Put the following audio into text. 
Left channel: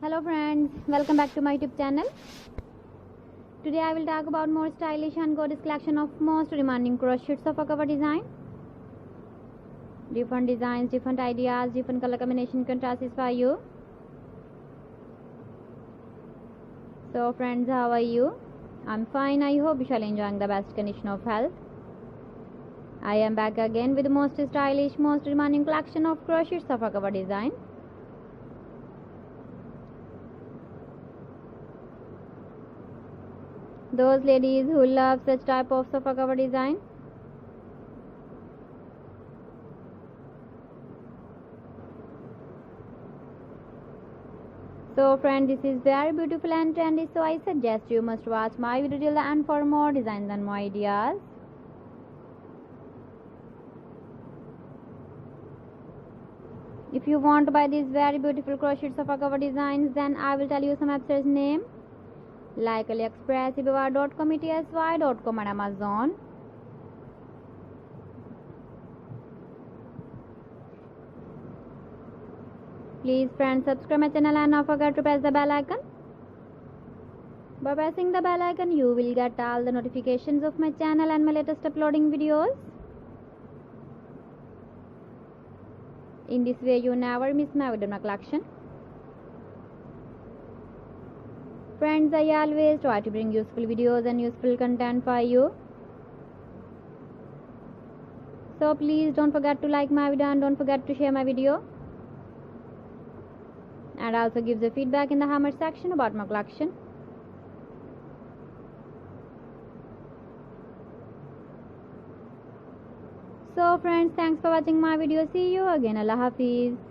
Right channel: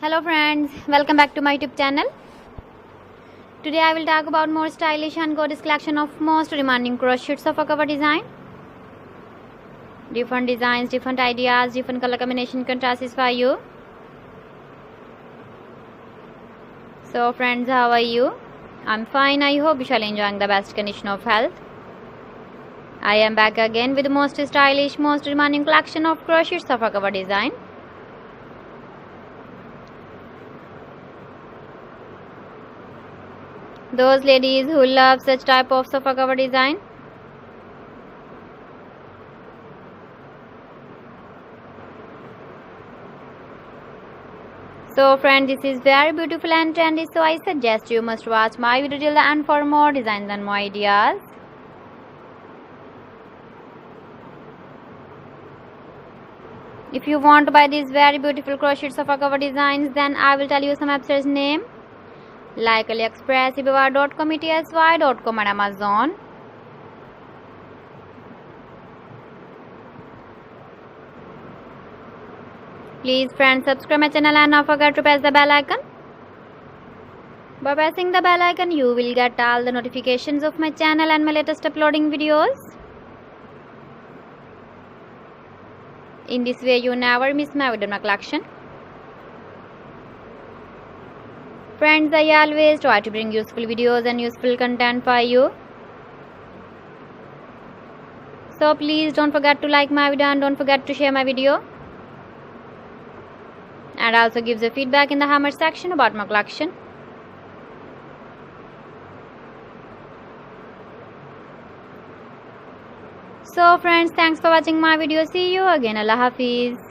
Hello friends, welcome back to my YouTube channel. Today I will talk about more stylish and gorgeous collection of most demanding crochets of a cover design. Different designs, different ideas, different color combination can satisfy you. So friends, how are you? I'm fine. I hope you shall enjoying the best condition of health. I am back again with the most stylish, most demanding collection of crochets of a cover design. Those ladies who love such type of sofa cover design. So friends, this is very beautiful and trendy, so I suggest you must watch my video till the end for more designs and more ideas. If you want to buy these very beautiful crochet sofa cover designs, then I will tell you some websites name like AliExpress, eBay.com, etsy.com and Amazon. Please friends, subscribe my channel and not forget to press the bell icon. By pressing the bell icon, you will get all the notifications of my channel and my latest uploading videos. In this way, you never miss my video in my collection. Friends, I always try to bring useful videos and useful content for you. So please don't forget to like my video and don't forget to share my video. And also give the feedback in the comment section about my collection. So friends, thanks for watching my video. See you again. Allah Hafiz.